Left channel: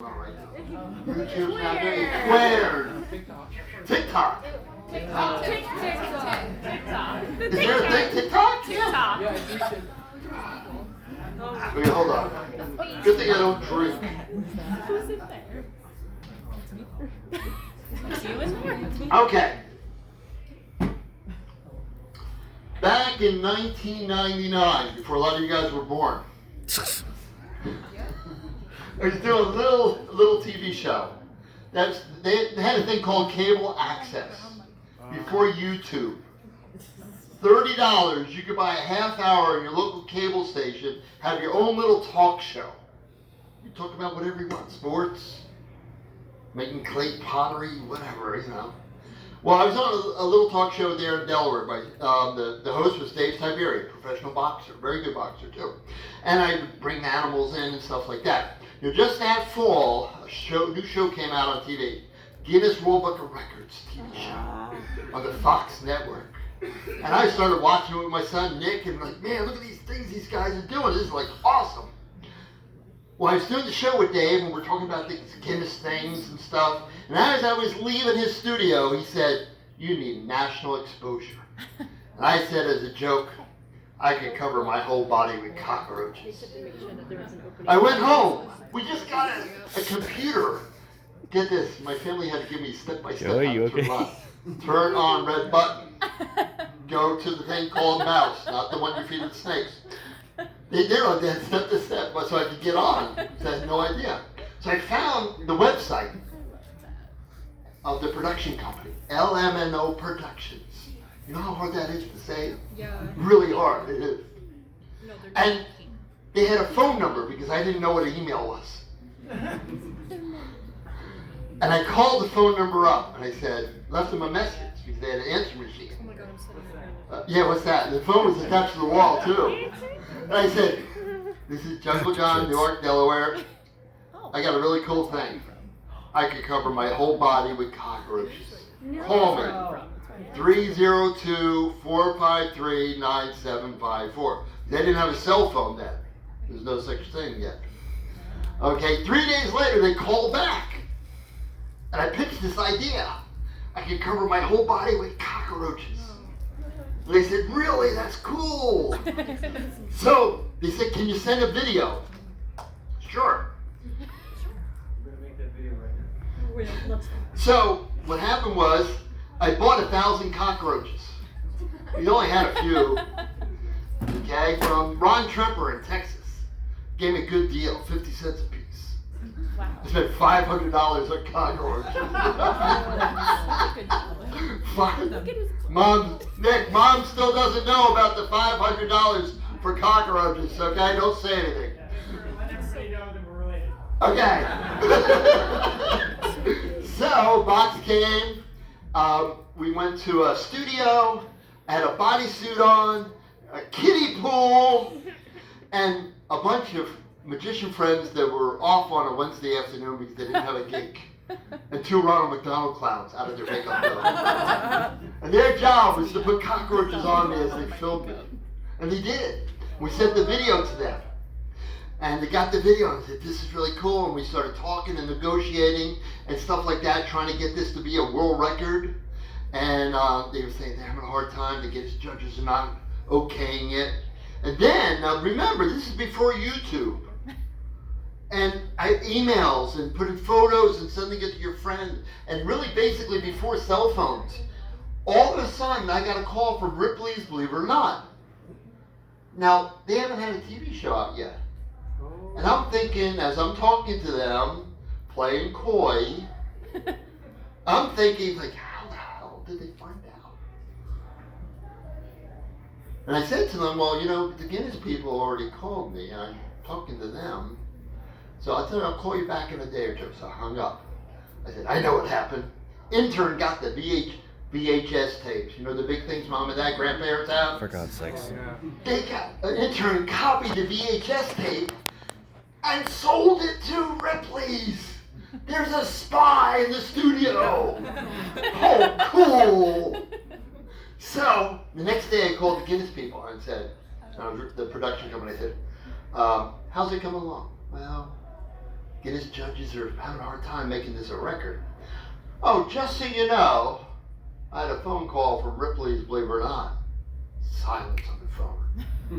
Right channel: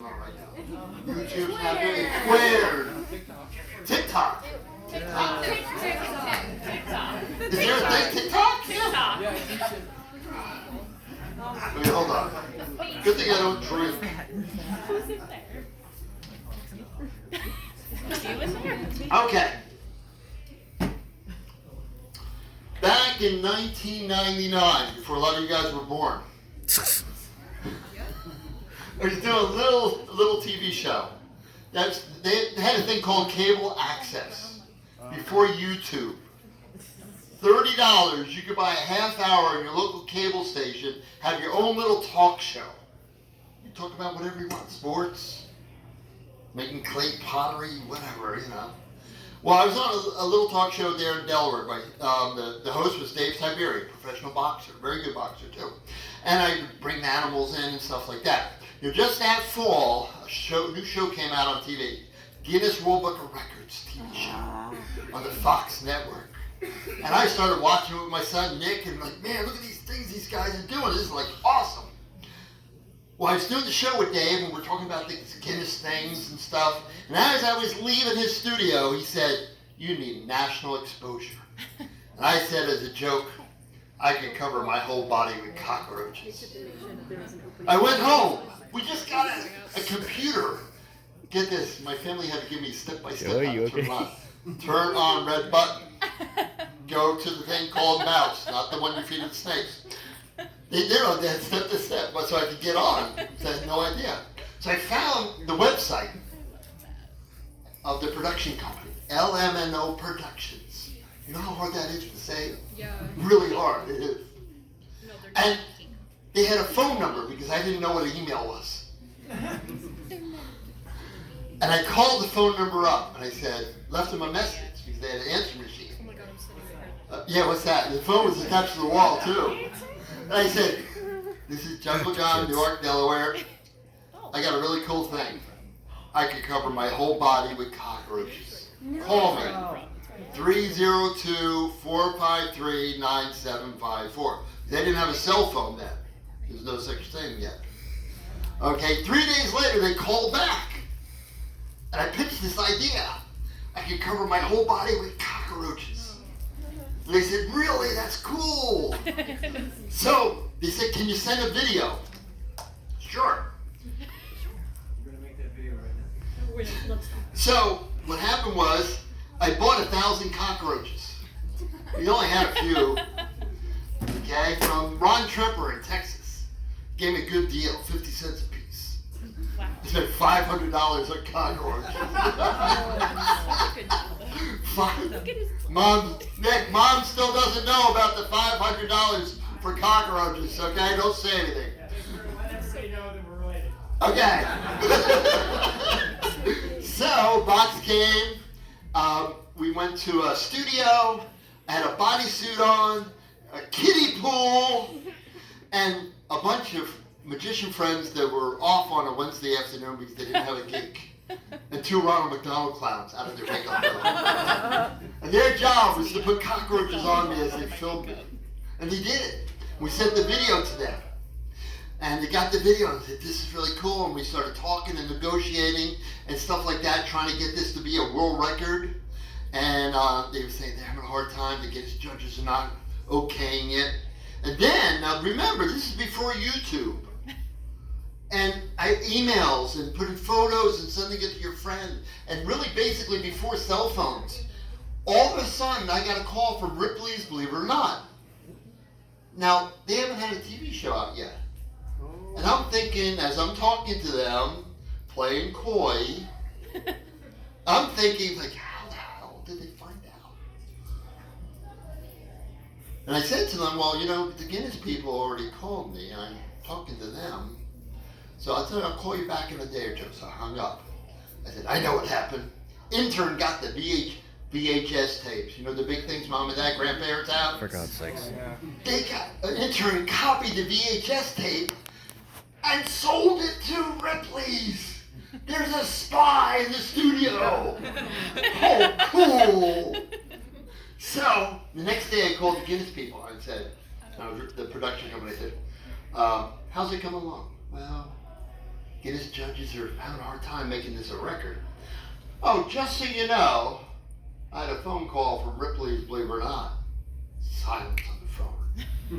All right. YouTube's not getting squared. TikTok. TikTok. Is there a thing TikTok? Yeah. Okay, hold on. Good thing I don't drink. Okay. Back in 1999, before a lot of you guys were born, I was doing a little TV show. They had a thing called cable access before YouTube. $30, you could buy a half hour in your local cable station, have your own little talk show. You talk about whatever you want, sports, making clay pottery, whatever, you know. Well, I was on a little talk show there in Delaware. The host was Dave Tiberi, professional boxer, very good boxer too. And I would bring the animals in and stuff like that. You know, just that fall, a new show came out on TV, Guinness World Book of Records TV show on the Fox Network. And I started watching it with my son Nick, and like, man, look at these things these guys are doing. This is like awesome. Well, I was doing the show with Dave, and we're talking about these Guinness things and stuff. And as I was leaving his studio, he said, "You need national exposure." And I said as a joke, "I could cover my whole body with cockroaches." I went home. We just got a computer. Get this, my family had to give me step-by-step how to run. Turn on red button. Go to the thing called mouse, not the one you feed the snakes. They did on that step to step, so I could get on. So I had no idea. So I found the website of the production company, LMNO Productions. You know how hard that is to say? Yeah. Really hard, it is. No, and they had a phone number because I didn't know what an email was. And I called the phone number up and I said, left them a message because they had an answer machine. Yeah, what's that? The phone was attached to the wall too. And I said, "This is Jungle John, Newark, Delaware. I got a really cool thing. I can cover my whole body with cockroaches. Call me. 302-453-9754. They didn't have a cell phone then. There's no such thing yet. Okay, 3 days later they called back. And I pitched this idea. I can cover my whole body with cockroaches. And they said, "Really? That's cool." So they said, "Can you send a video?" Sure. We're going to make that video right now. So what happened was, I bought 1,000 cockroaches. We only had a few. Okay, from Ron Tremper in Texas. Gave me a good deal, 50 cents a piece. I spent $500 on cockroaches. Mom still doesn't know about the $500 for cockroaches, okay? Don't say anything. I never say no that we're related. Okay. So, box came. We went to a studio. I had a bodysuit on, a kiddie pool, and a bunch of magician friends that were off on a Wednesday afternoon because they didn't have a gig. And 2 Ronald McDonald clowns out of their makeup room. And their job was to put cockroaches on me as they filmed me. And they did it. We sent the video to them. And they got the video and said, "This is really cool." And we started talking and negotiating and stuff like that, trying to get this to be a world record. And they were saying they're having a hard time. The Guinness judges are not okaying it. And then, now remember, this is before YouTube. And I emails and putting photos and sending it to your friend. And really basically before cell phones. All of a sudden, I got a call from Ripley's, believe it or not. Now, they haven't had a TV show out yet. And I'm thinking, as I'm talking to them, playing coy, I'm thinking, like, how the hell did they find out? And I said to them, well, you know, the Guinness people already called me, and I'm talking to them. So I said, I'll call you back in a day or two. So I hung up. I said, I know what happened. Intern got the VHS tapes. You know the big things mom and dad, grandparents have? For God's sakes. They got, an intern copied the VHS tape and sold it to Ripley's. There's a spy in the studio. Oh, cool. So the next day I called the Guinness people and said, the production company said, how's it coming along? Well, Guinness judges are having a hard time making this a record. Oh, just so you know, I had a phone call from Ripley's, believe it or not. Silence on the phone.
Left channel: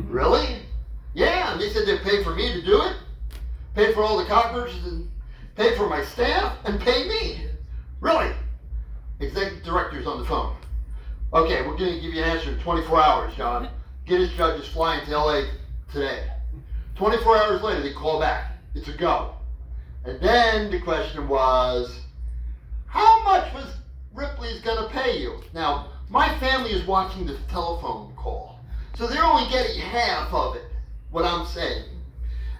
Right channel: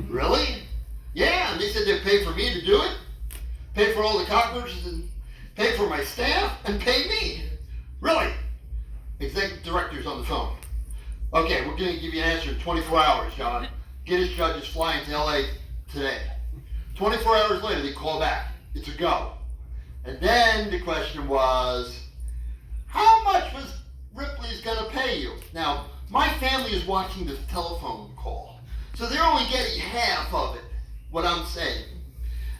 Really? Yeah, and they said they'd pay for me to do it, pay for all the cockroaches, and pay for my staff, and pay me. Really? Executive director's on the phone. Okay, we're going to give you an answer in 24 hours, John. Guinness judge is flying to LA today. 24 hours later, they call back. It's a go. And then the question was, how much was Ripley's going to pay you? Now, my family is watching this telephone call, so they're only getting half of it, what I'm saying.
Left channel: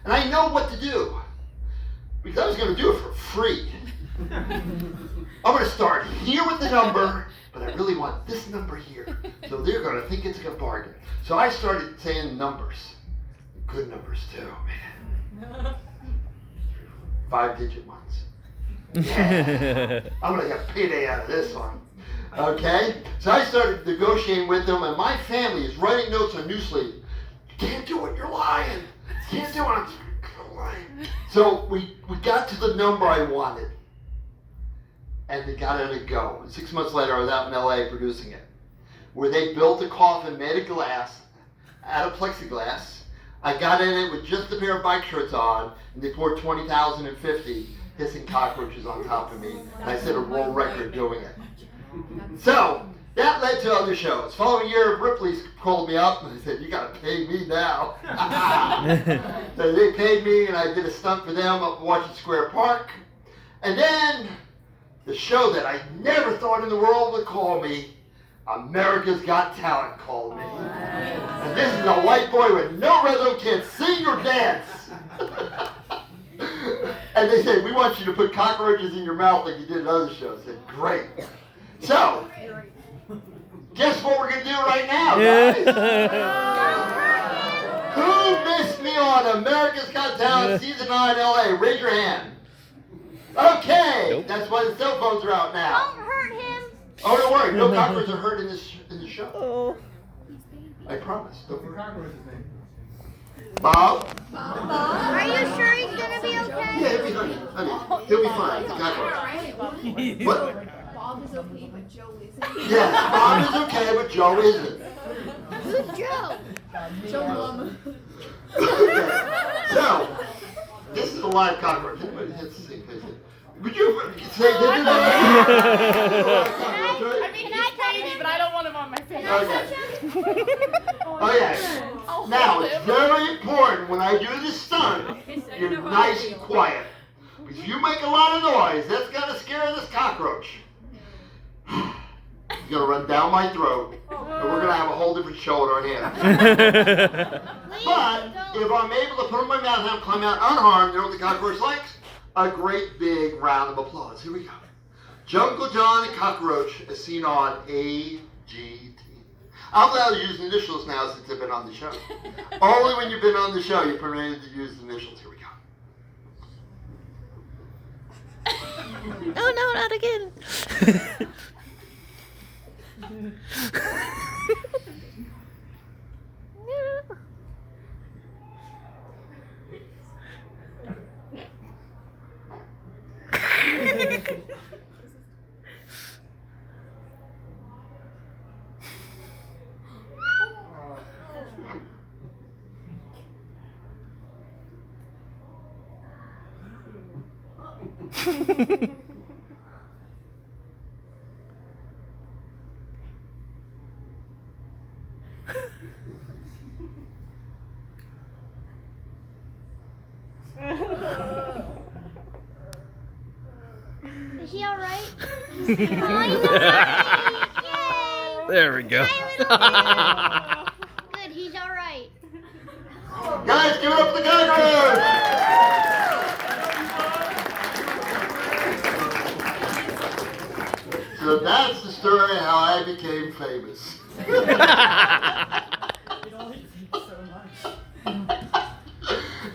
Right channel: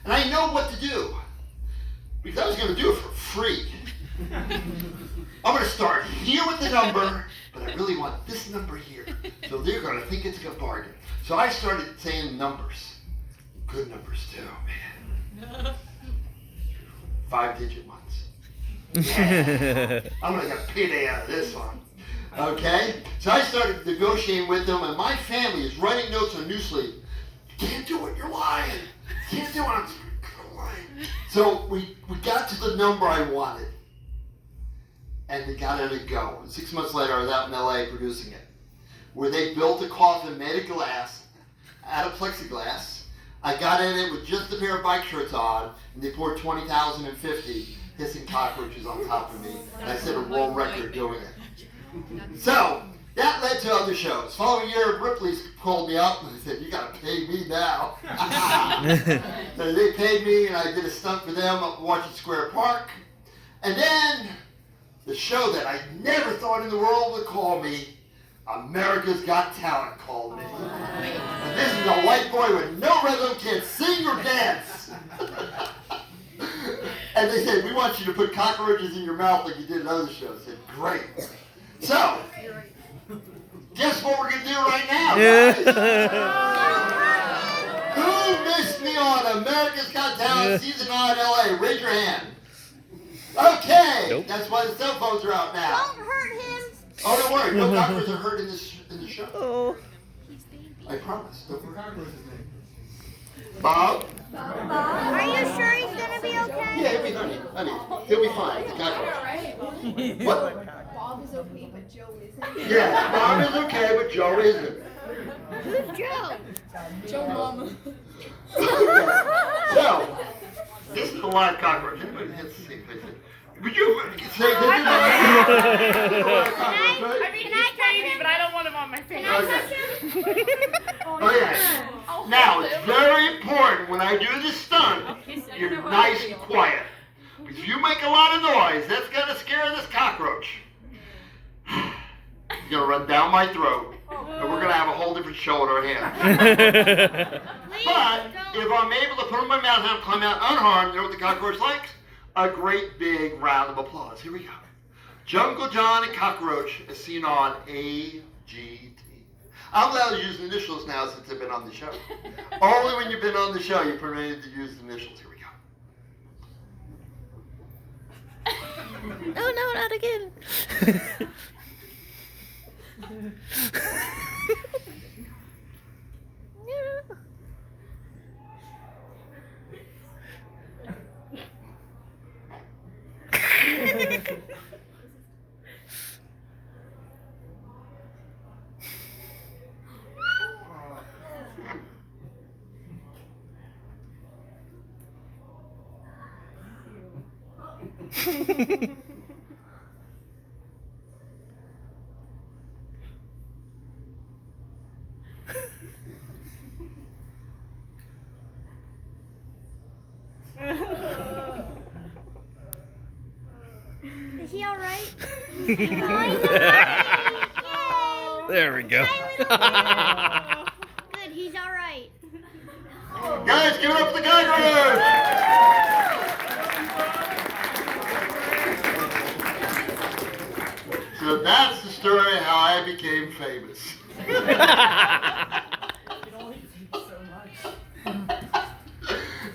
And I know what to do, because I was going to do it for free. I'm going to start here with the number, but I really want this number here. So they're going to think it's a bargain. So I started saying numbers. Good numbers too, man. 5-digit ones. Yeah. I'm going to get payday out of this one. Okay? So I started negotiating with them, and my family is writing notes on Newsleaf. You can't do it, you're lying. You can't do it, I'm lying. So we got to the number I wanted. And they got it to go. 6 months later, I was out in LA producing it, where they built a coffin made of glass, out of plexiglass. I got in it with just a pair of bike shorts on, and they poured 20,050 hissing cockroaches on top of me. And I set a world record doing it. So that led to other shows. Following year, Ripley's called me up and they said, "You got to pay me now." So they paid me, and I did a stunt for them up in Washington Square Park. And then the show that I never thought in the world would call me, America's Got Talent, called me. And this is a white boy with no rhythm, can't sing or dance. And they said, "We want you to put cockroaches in your mouth like you did in other shows." I said, "Great." So, guess what we're going to do right now, guys? Who missed me on America's Got Talent Season 9 LA? Raise your hand. Okay, nope. That's why the cell phones are out now. Don't hurt him. Oh, don't worry. No cockroaches are hurt in the show. Oh. I promise. Don't worry. Bob? Are you sure he's gonna be okay? Yeah, he'll be fine. Honey, he'll be fine. He's got what? Bob is okay, but Joe isn't. Yeah, Bob is okay, but Joe isn't. Who's Joe? Joe Mama. So, this is a live cockroach. Anybody hits the same face? Would you say this? I mean, he's crazy, but I don't want him on my face. Okay. Oh yeah. Now, it's very important when I do this stunt, you're nice and quiet. If you make a lot of noise, that's gonna scare this cockroach. He's gonna run down my throat, and we're gonna have a whole different show in our hands. But if I'm able to put him in my mouth and climb out unharmed, you know what the cockroach likes? A great big round of applause. Here we go. Jungle John and Cockroach, as seen on AGT. I'm allowed to use initials now since I've been on the show. Only when you've been on the show you're permitted to use initials. Here we go. Oh no, not again. Is he alright? There we go. Good, he's alright. Guys, give it up for the cockroach! So that's the story of how I became famous.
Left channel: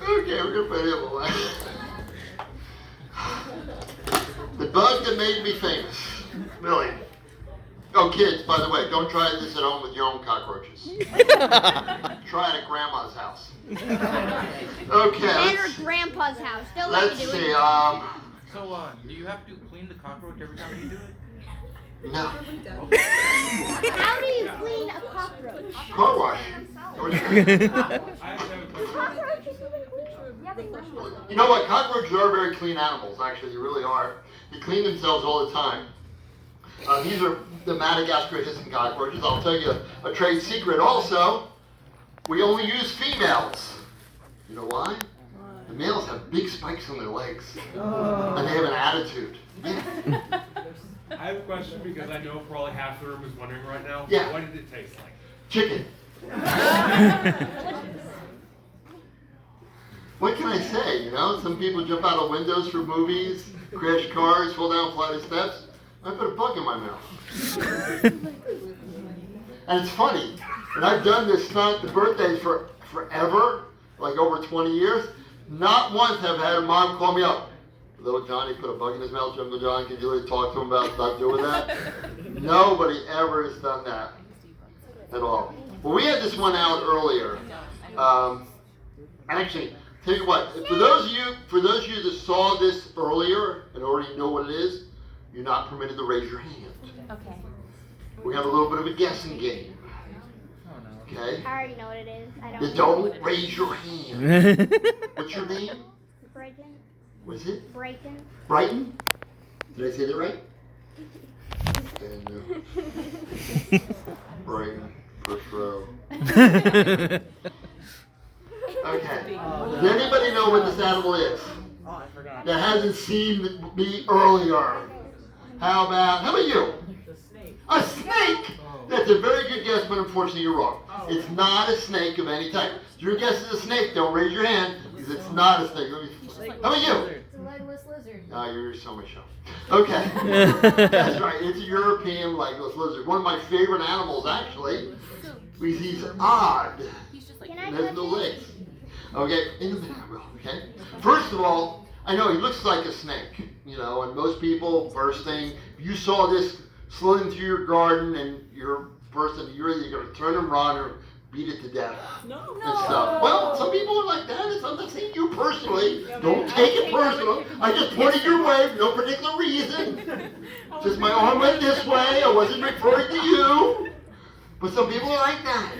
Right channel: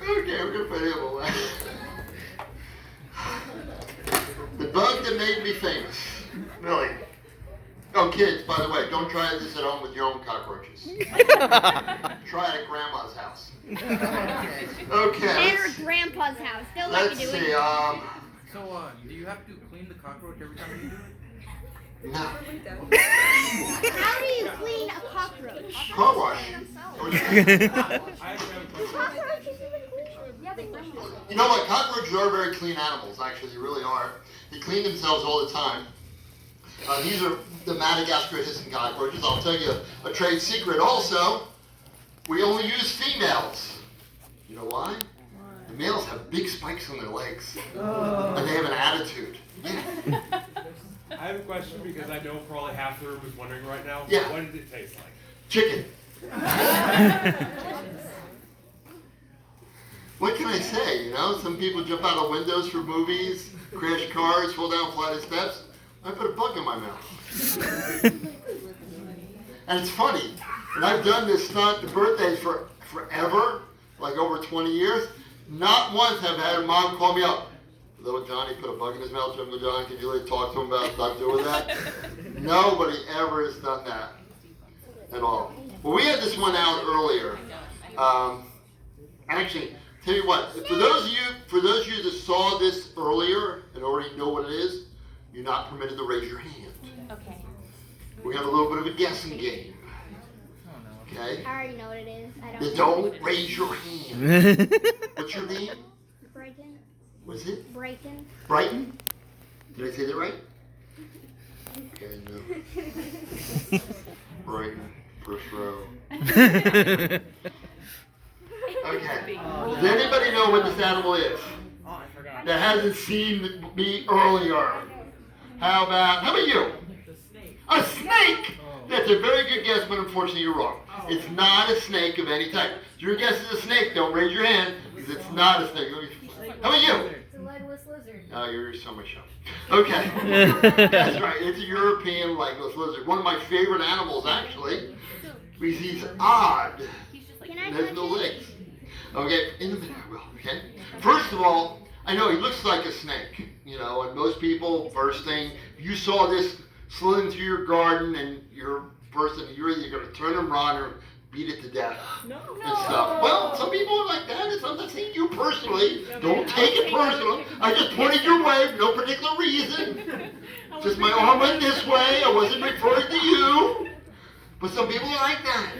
Okay, I'm gonna put him away. The bug that made me famous. Really. Oh, kids, by the way, don't try this at home with your own cockroaches. Try it at grandma's house. Okay, And her grandpa's house. They'll let let's you do see. it. So, do you have to clean the cockroach every time you do it? No. How do you clean a cockroach? Car wash. You know what? Cockroaches are very clean animals, actually. They really are. They clean themselves all the time. These are the Madagascar hissing cockroaches. I'll tell you a trade secret also. We only use females. You know why? The males have big spikes on their legs. And they have an attitude. Yeah. I have a question because I know probably half the room is wondering right now. Yeah. What did it taste like? Chicken. What can I say, you know? Some people jump out of windows for movies, crash cars, fall down a flight of steps. I put a bug in my mouth. And it's funny, when I've done this stunt, the birthdays for forever, like over 20 years, not once have I had a mom call me up. Little Johnny put a bug in his mouth, Jungle Johnny, can you really talk to him about not doing that? Nobody ever has done that at all. Well, we had this one out earlier. Actually, tell you what, for those of you that saw this earlier and already know what it is, you're not permitted to raise your hand. Okay. We have a little bit of a guessing game. Okay? I already know what it is. I Then don't. don't raise your hand. What's your name? Brighton. What is it? Brighton. Brighton? Did I say that right? Okay, no. Brighton, first row. Okay. Does anybody know what this animal is? Oh, I forgot. That hasn't seen me earlier. How about you? The snake. A snake! That's a very good guess, but unfortunately you're wrong. It's not a snake of any type. If your guess is a snake, don't raise your hand, because it's not a snake. How about you? It's a legless lizard. Oh, you're so much fun. Okay. That's right. It's a European legless lizard. One of my favorite animals, actually, because he's odd. Can I There's touch no it? legs. Okay, in a minute I will, okay? First of all, I know he looks like a snake, you know, and most people, first thing, you saw this slithering through your garden and you're either going to turn and run or beat it to death and stuff. Well, some people are like that. I'm not saying you personally. Don't take it personal. I just pointed your way for no particular reason. Just my arm went this way. I wasn't referring to you. But some people are like that.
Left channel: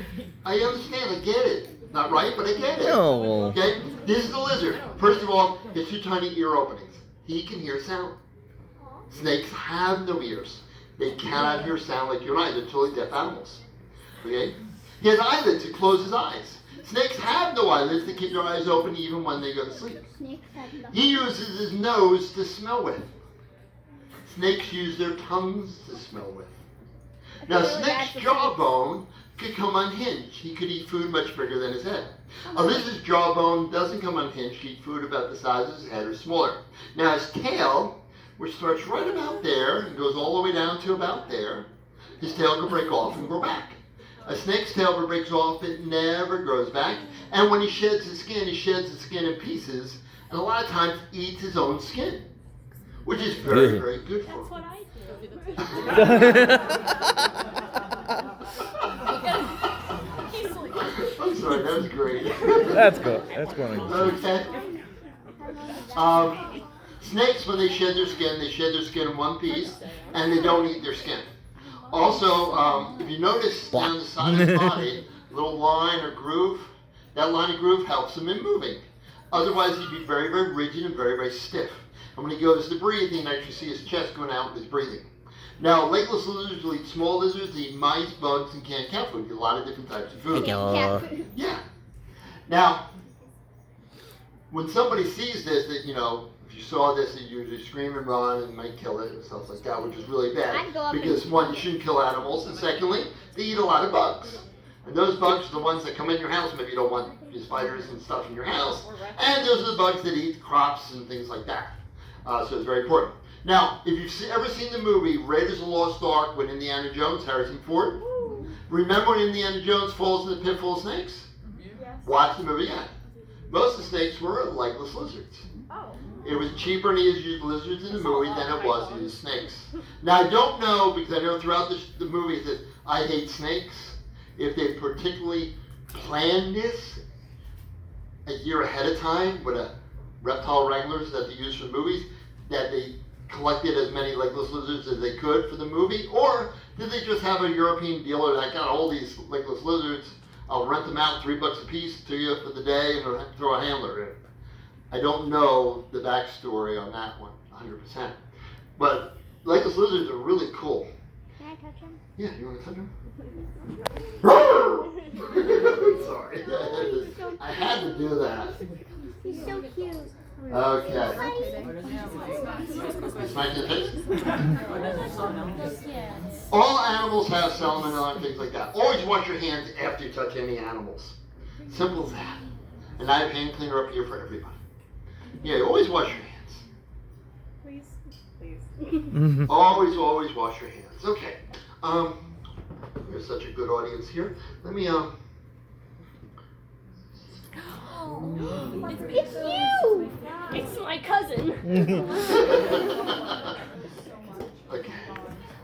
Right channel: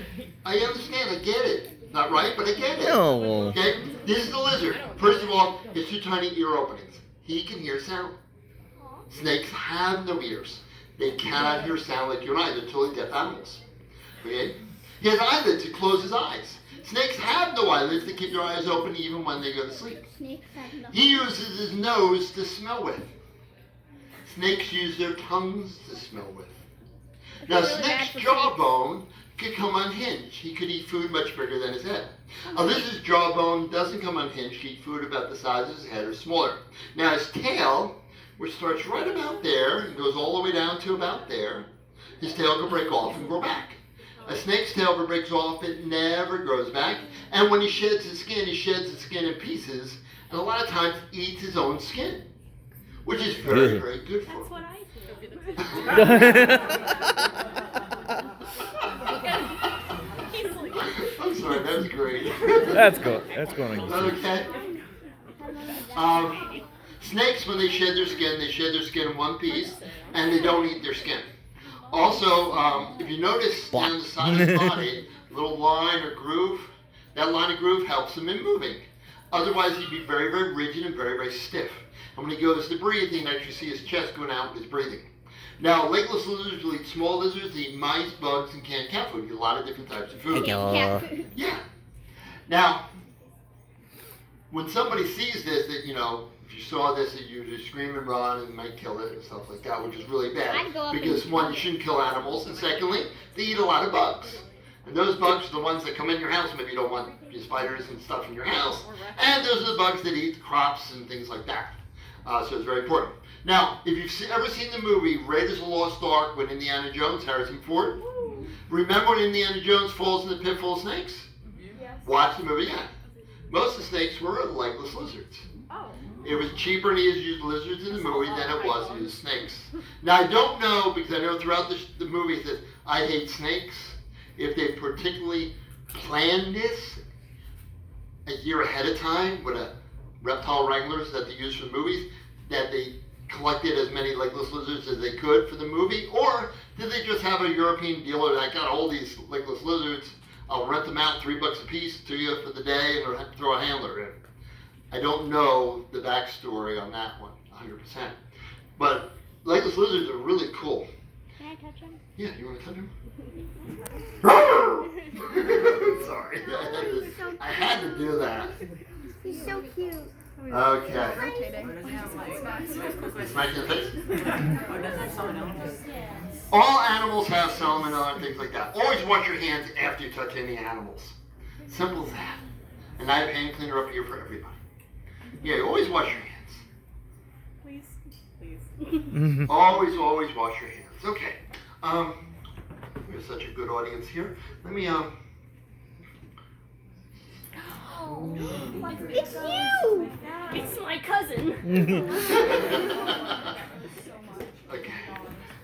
I understand. I get it. Not right, but I get it. No. Okay? This is the lizard. First of all, it's two tiny ear openings. He can hear sound. Snakes have no ears. They cannot hear sound like you and I. They're totally deaf animals. Okay? He has eyelids to close his eyes. Snakes have no eyelids to keep their eyes open even when they go to sleep. Snakes have no. He uses his nose to smell with. Snakes use their tongues to smell with. Now, really bad snake's for jawbone could come unhinged. He could eat food much bigger than his head. A lizard's jawbone doesn't come unhinged. He eat food about the size of his head or smaller. Now, his tail, which starts right about there and goes all the way down to about there, his tail can break off and grow back. A snake's tail, if it breaks off, it never grows back. And when he sheds his skin in pieces, and a lot of times eats his own skin, which is very, very good for him. I'm sorry, that was great. That's cool. That's going on. Okay. Snakes, when they shed their skin in one piece, and they don't eat their skin. Also, if you notice down the side of his body, little line or groove, that line of groove helps him in moving. Otherwise, he'd be very, very rigid and very, very stiff. And when he goes to breathe, you can actually see his chest going out with his breathing. Now, legless lizards will eat small lizards, they eat mice, bugs, and canned cat food. A lot of different types of food. Cat food. Yeah. Now, when somebody sees this, that, you know, if you saw this, that you just scream and run and might kill it and stuff like that, which is really bad. I'd go up Because and- one, you shouldn't kill animals, and secondly, they eat a lot of bugs. And those bugs are the ones that come in your house. Maybe you don't want your spiders and stuff in your house. And those are the bugs that eat crops and things like that. So it's very important. Now, if you've ever seen the movie Raiders of the Lost Ark with Indiana Jones, Harrison Ford, remember when Indiana Jones falls in the pit full of snakes? Watch the movie again. Most of the snakes were legless lizards. It was cheaper to use lizards in the movie than it was to use snakes. Now I don't know, because I know throughout the movie that I hate snakes, if they particularly planned this a year ahead of time with a reptile wranglers that they use for movies, that they collected as many legless lizards as they could for the movie, or did they just have a European dealer that got all these legless lizards, I'll rent them out $3 a piece to you for the day and throw a handler in. I don't know the backstory on that one 100%. But legless lizards are really cool. Can I touch him? Yeah, you want to touch him? Sorry, I had to do that. He's so cute. Okay. Smack in the face. All animals have salmonella and things like that. Always wash your hands after you touch any animals. Simple as that. And I have hand cleaner up here for everybody. Yeah, always wash your hands. Please. Always wash your hands. Okay. There's such a good audience here. Let me It's you! It's my cousin. Okay.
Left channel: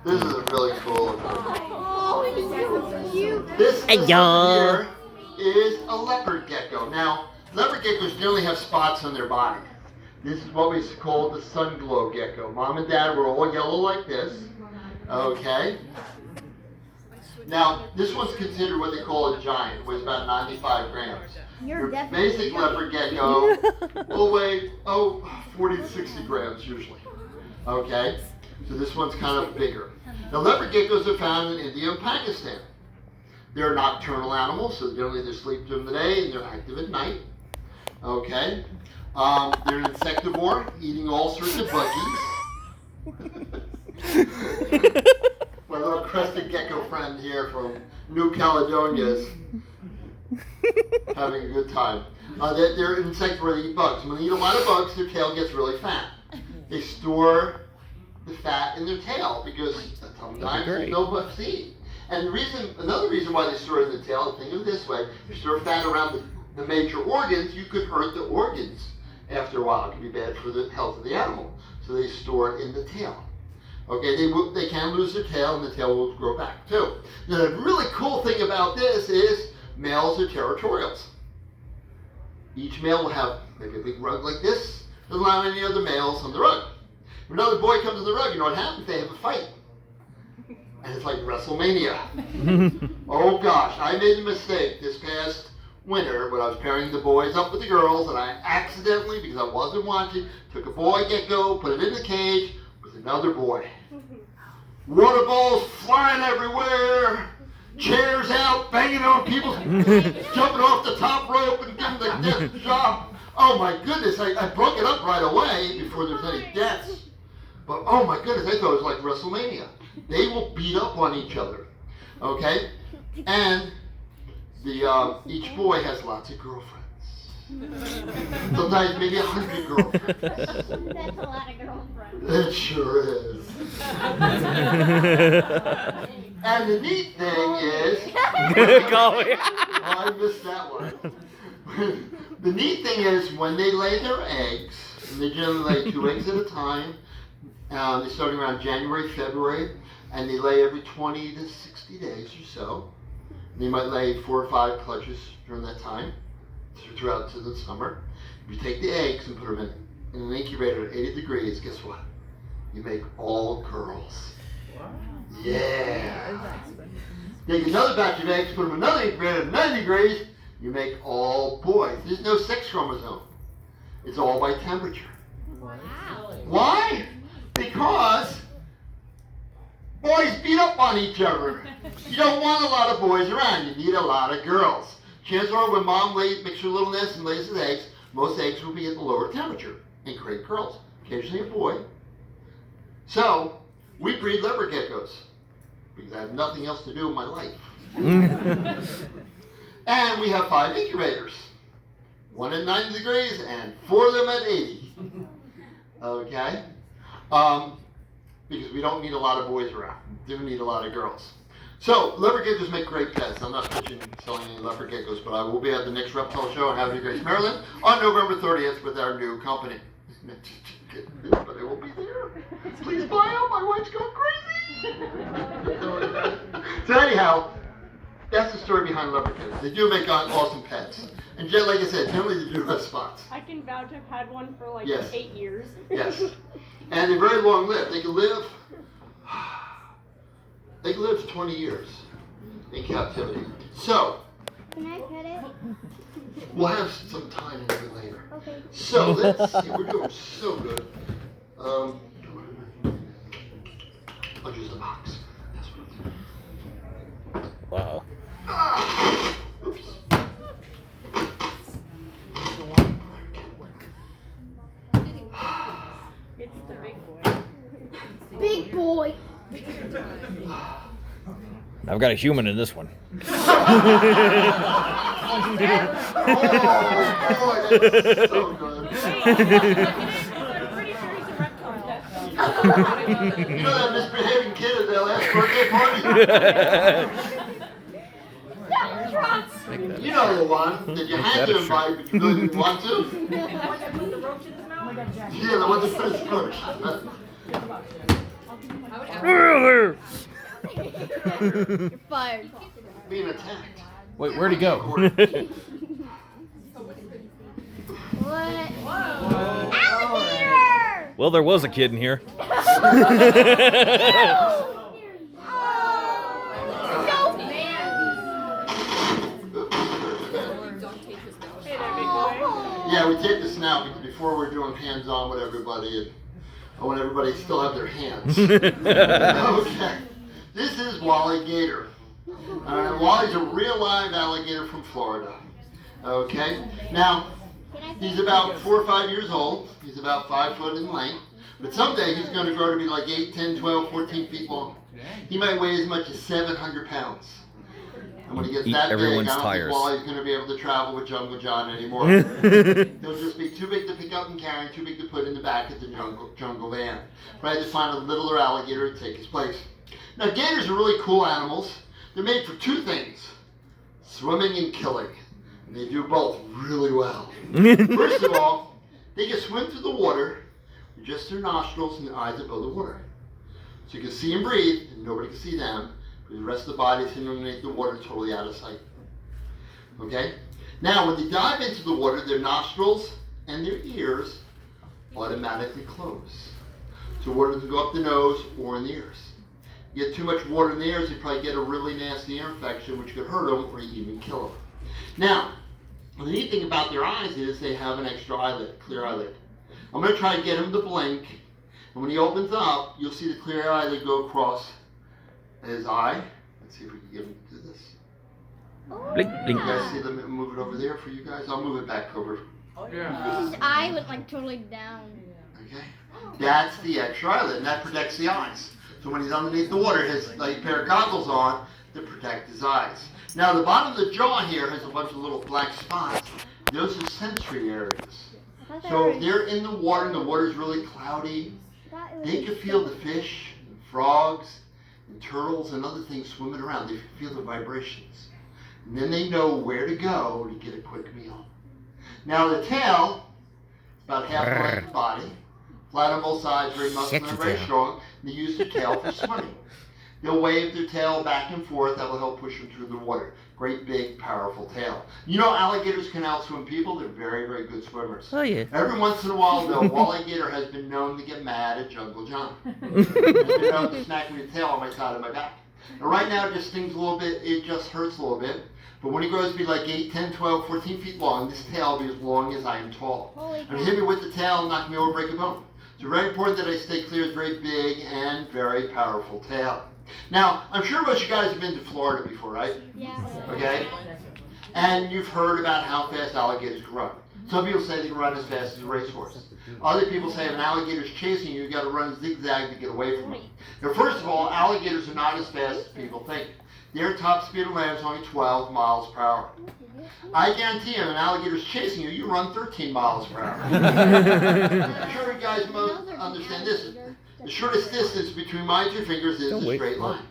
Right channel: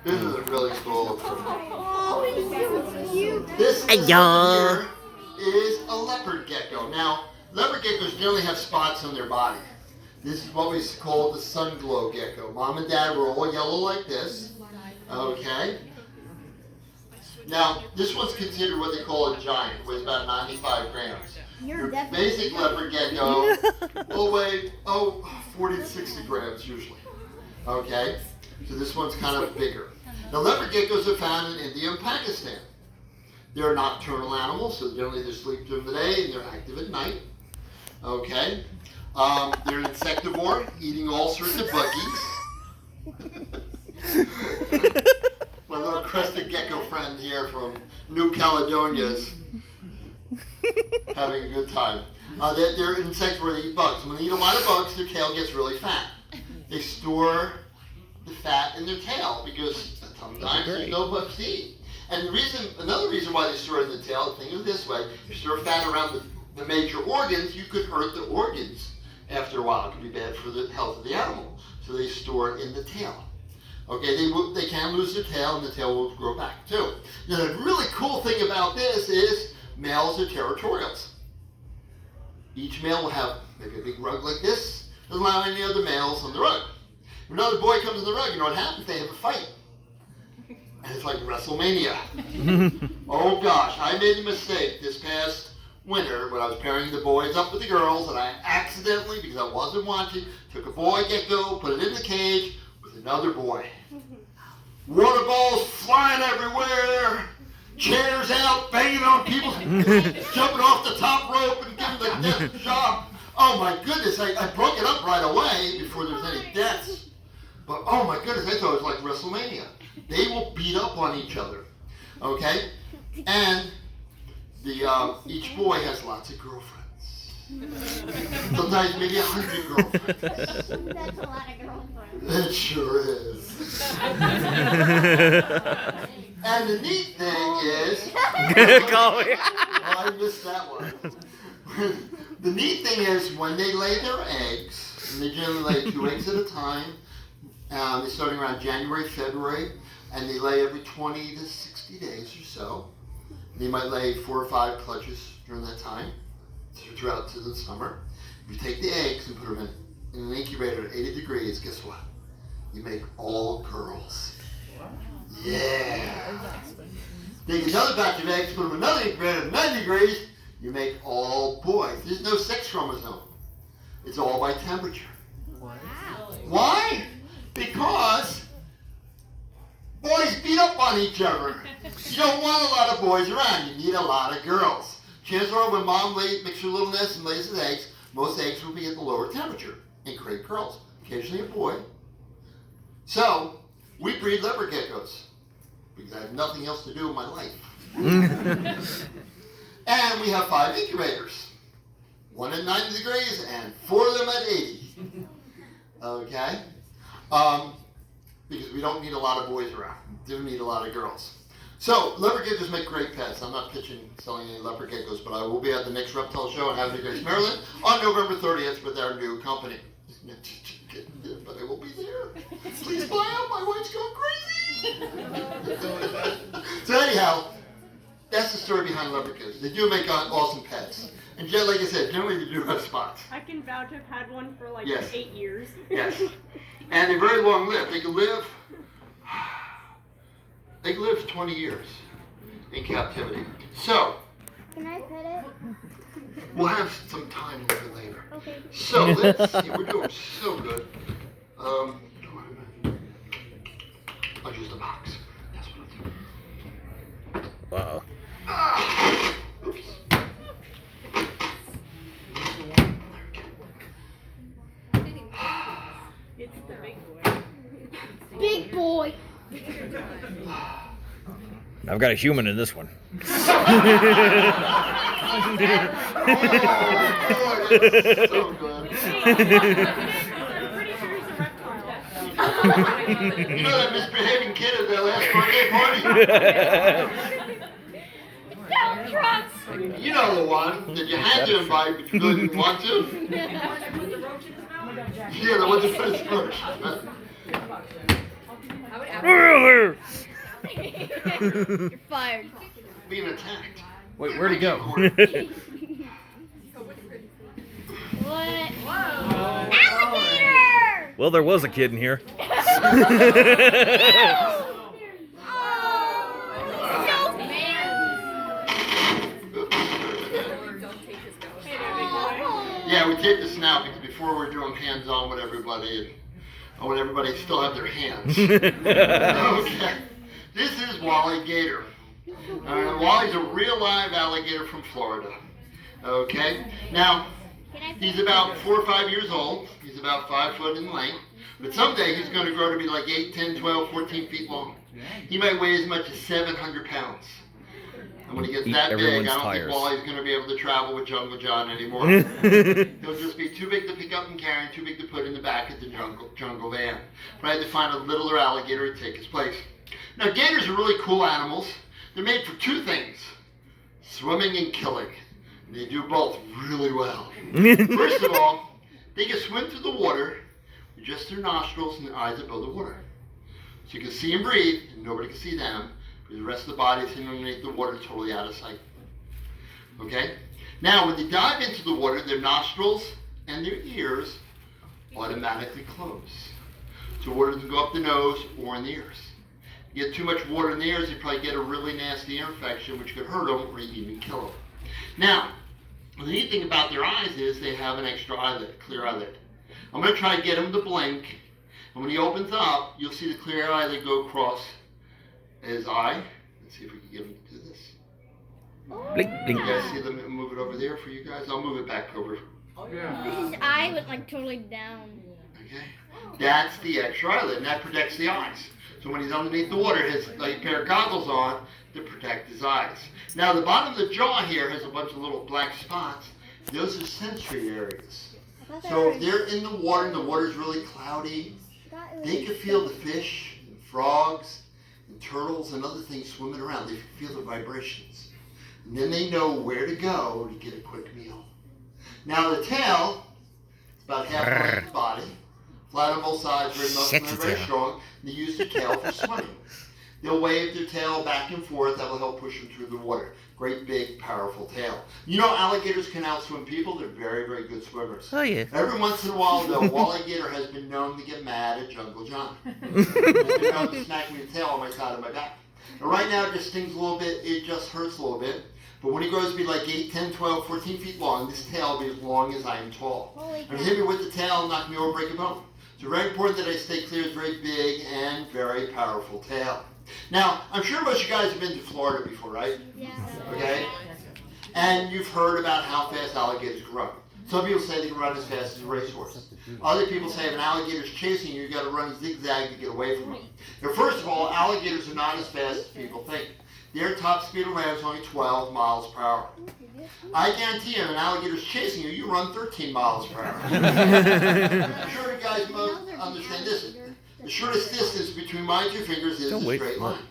This is a really cool. Oh, he's so cute. This here is a leopard gecko. Now, leopard geckos generally have spots on their body. This is what we call the sun glow gecko. Mom and dad were all yellow like this. Okay. Now, this one's considered what they call a giant. It weighs about 95 grams. Your basic leopard gecko will weigh, 40 to 60 grams usually. Okay? So this one's kind of bigger. Now, leopard geckos are found in India and Pakistan. They're nocturnal animals, so generally they sleep during the day and they're active at night. Okay? They're insectivore, eating all sorts of buggies. My little crested gecko friend here from New Caledonia is having a good time. They're insectivore, they eat bugs. When they eat a lot of bugs, their tail gets really fat. They store the fat in their tail because sometimes there's no bugs to eat. And another reason why they store it in the tail, think of it this way, if you store fat around the major organs, you could hurt the organs after a while. It could be bad for the health of the animal. So they store it in the tail. Okay, they can lose their tail and the tail will grow back too. Now the really cool thing about this is males are territorials. Each male will have like a big rug like this, doesn't allow any other males on the rug. When another boy comes on the rug, you know what happens? They have a fight. And it's like WrestleMania. Oh gosh, I made a mistake this past winter when I was pairing the boys up with the girls, and I accidentally, because I wasn't watching, took a boy gecko, put it in the cage with another boy. Water balls flying everywhere, chairs out, banging on people, jumping off the top rope and giving the death job. Oh my goodness, I broke it up right away before there was any deaths. But oh my goodness, I thought it was like WrestleMania. They will beat up on each other, okay? And each boy has lots of girlfriends. Sometimes maybe 100 girlfriends. That's a lot of girlfriends. It sure is. And the neat thing is, I missed that one. The neat thing is when they lay their eggs, and they generally lay 2 eggs at a time. They're starting around January, February, and they lay every 20 to 60 days or so. They might lay 4 or 5 clutches during that time, throughout to the summer. You take the eggs and put them in an incubator at 80 degrees, guess what? You make all girls. Yeah. Take another batch of eggs, put them in another incubator at 90 degrees, you make all boys. There's no sex chromosome. It's all by temperature. Why? Because boys beat up on each other. You don't want a lot of boys around. You need a lot of girls. Chances are when mom makes her little nest and lays his eggs, most eggs will be at the lower temperature and create girls. Occasionally a boy. So, we breed leopard geckos because I have nothing else to do in my life. And we have 5 incubators. 1 at 90 degrees and 4 of them at 80. Okay? Because we don't need a lot of boys around. We do need a lot of girls. So, leopard geckos make great pets. I'm not selling any leopard geckos, but I will be at the next reptile show in Havre de Grace, Maryland on November 30th with our new company. And it's just getting bit, but I won't be there. Please buy out. My wife's going crazy. So anyhow, that's the story behind leprechauns. They do make awesome pets. And Jen, like I said, generally they do have spots. I can vouch I've had one for like Yes. 8 years. Yes. And they're very long lived. They can live for 20 years in captivity. So, Can I pet it? we'll have some time a little bit later. Okay. So, let's see. We're doing so good. I'll use the box. That's what I'll do. Wow. Ah! Oops. It's the big boy. Big boy. I've got a human in this one. Oh, boy, that's so good. I'm pretty sure he's a reptile. You know that misbehaving kid at that last birthday party? You know the one that you had to invite, but you really didn't want to? Yeah, the one that says roach. You're fired. Being attacked. Wait, where'd he go? What? Alligator! Well, there was a kid in here. Yeah, we take this now because before we're doing hands-on with everybody, I want everybody to still have their hands. Okay. This is Wally Gator. Wally's a real live alligator from Florida. Okay. Now, he's about 4 or 5 years old. He's about 5 foot in length. But someday he's going to grow to be like 8, 10, 12, 14 feet long. He might weigh as much as 700 pounds. And when he gets Eat that big, I everyone's don't tires. think Wally's going to be able to travel with Jungle John anymore. He'll just be too big to pick up and carry and too big to put in the back of the jungle van. But I had to find a littler alligator to take his place. Now, gators are really cool animals. They're made for 2 things, swimming and killing. And they do both really well. First of all, they can swim through the water with just their nostrils and their eyes above the water. So you can see and breathe, and nobody can see them. The rest of the body is underneath the water, totally out of sight. Okay? Now, when they dive into the water, their nostrils and their ears automatically close. So water doesn't go up the nose or in the ears. You get too much water in the ears, you probably get a really nasty ear infection, which could hurt them or even kill them. Now, the neat thing about their eyes is they have an extra eyelid, clear eyelid. I'm going to try to get him to blink, and when he opens up, you'll see the clear eyelid go across his eye. Let's see if we can get him to do this. Blink, blink. You guys see them move it over there for you guys? I'll move it back over. His eye went like totally down. Okay? That's the extra eyelid, and that protects the eyes. So when he's underneath the water, his like pair of goggles on to protect his eyes. Now the bottom of the jaw here has a bunch of little black spots. Those are sensory areas. So if they're in the water and the water's really cloudy, they can feel the fish, and frogs, and turtles and other things swimming around. They feel the vibrations. And then they know where to go to get a quick meal. Now the tail, about half the length of the body, flat on both sides, very muscular and very strong. They use their tail for swimming. They'll wave their tail back and forth. That will help push them through the water. Great, big, powerful tail. You know alligators can outswim people. They're very, very good swimmers. Oh, yeah. Every once in a while, though, Wally Gator has been known to get mad at Jungle John. He's been known to smack me the tail on my side of my back. And right now, it just stings a little bit. It just hurts a little bit. But when he grows to be like 8, 10, 12, 14 feet long, this tail will be as long as I am tall. And hit me with the tail, knock me over, break a bone. So very important that I stay clear of his very big and very powerful tail. Now, I'm sure most of you guys have been to Florida before, right? Yeah. Okay? And you've heard about how fast alligators can run. Some people say they can run as fast as a racehorse. Other people say if an alligator's chasing you, you've got to run zigzag to get away from him. Now, first of all, alligators are not as fast as people think. Their top speed of land is only 12 miles per hour. I guarantee you, if an alligator's chasing you, you run 13 miles per hour. I'm sure you guys most understand this. The shortest distance between my 2 fingers is a straight line.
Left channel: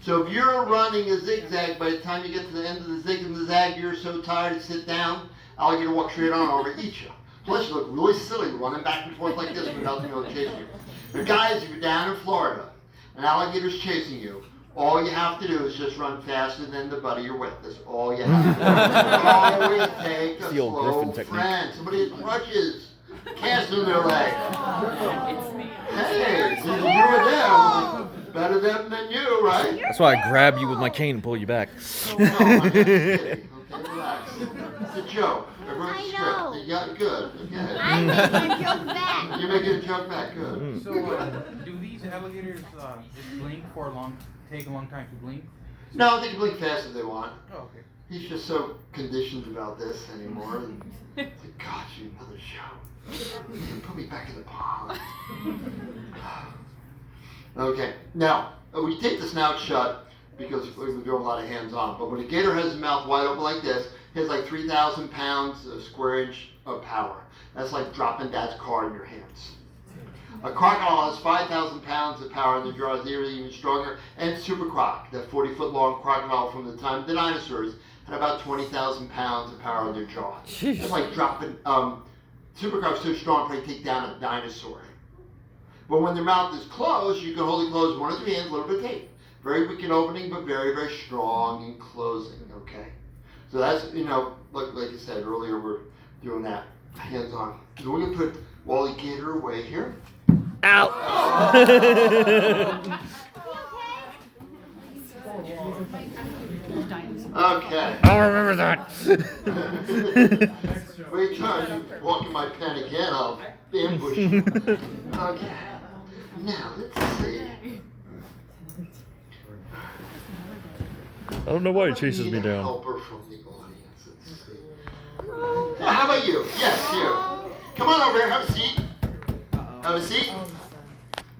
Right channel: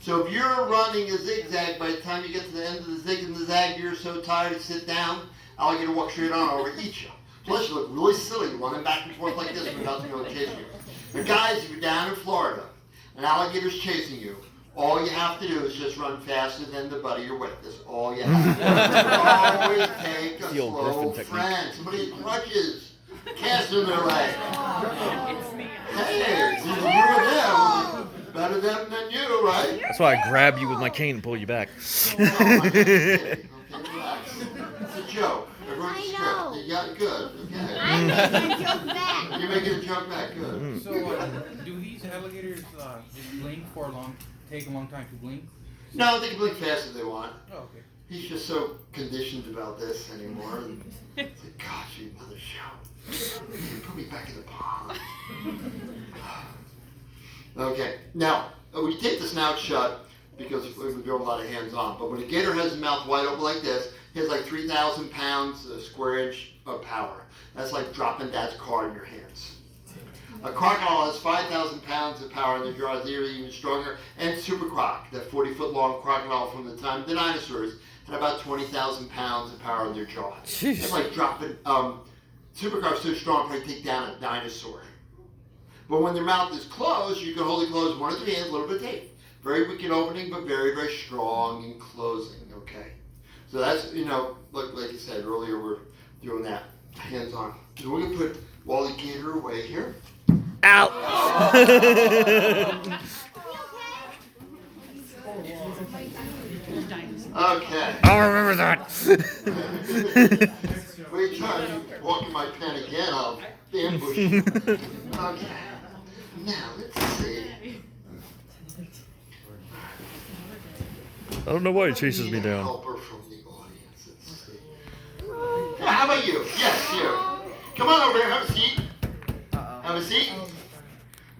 So if you're running a zigzag, by the time you get to the end of the zig and the zag, you're so tired to sit down, alligator walks straight on over, eat you. Plus, you look really silly running back and forth like this without anyone chasing you. Now, guys, if you're down in Florida, an alligator's chasing you, all you have to do is just run faster than the buddy you're with. That's all you have to do. Always take a The old slow Griffin technique. friend. Somebody with crutches, casting their leg. Hey, it's either you or them. Better them than you, right? That's why I grab you with my cane and pull you back. No, I'm not kidding. Okay, relax. It's a joke. Everyone's I strict. know. You got good. Okay. I'm making a joke back. You're making a joke back. Good. Mm. So, do these alligators just blink for take a long time to blink? No, they can blink fast if they want. Oh, okay. He's just so conditioned about this anymore. And it's like, gosh, you another show. Put me back in the pond. Okay, now, when you take the snout shut, because we do a lot of hands-on, but when a gator has his mouth wide open like this, he has like 3,000 pounds, a square inch of power. That's like dropping dad's car in your hands. A crocodile has 5,000 pounds of power in their jaws, they're even stronger. And Super Croc, that 40-foot long crocodile from the time of the dinosaurs, had about 20,000 pounds of power in their jaws. Jeez. It's like dropping, Super Croc's so strong, probably take down a dinosaur. But when their mouth is closed, you can hold it closed one of the hands, a little bit tight. Very weak in opening, but very, very strong in closing, okay? So that's, you know, like I said earlier, we're doing that hands-on. So we're going to put Wally Gator away here. Ow! Okay. I'll remember that. Wait till you walk in my pen again, I'll ambush you. Okay. Now, let's see. I don't know why he I chases need me a down. helper from the audience. Let's see. How about you? Yes, you. Come on over here. Have a seat. Have a seat.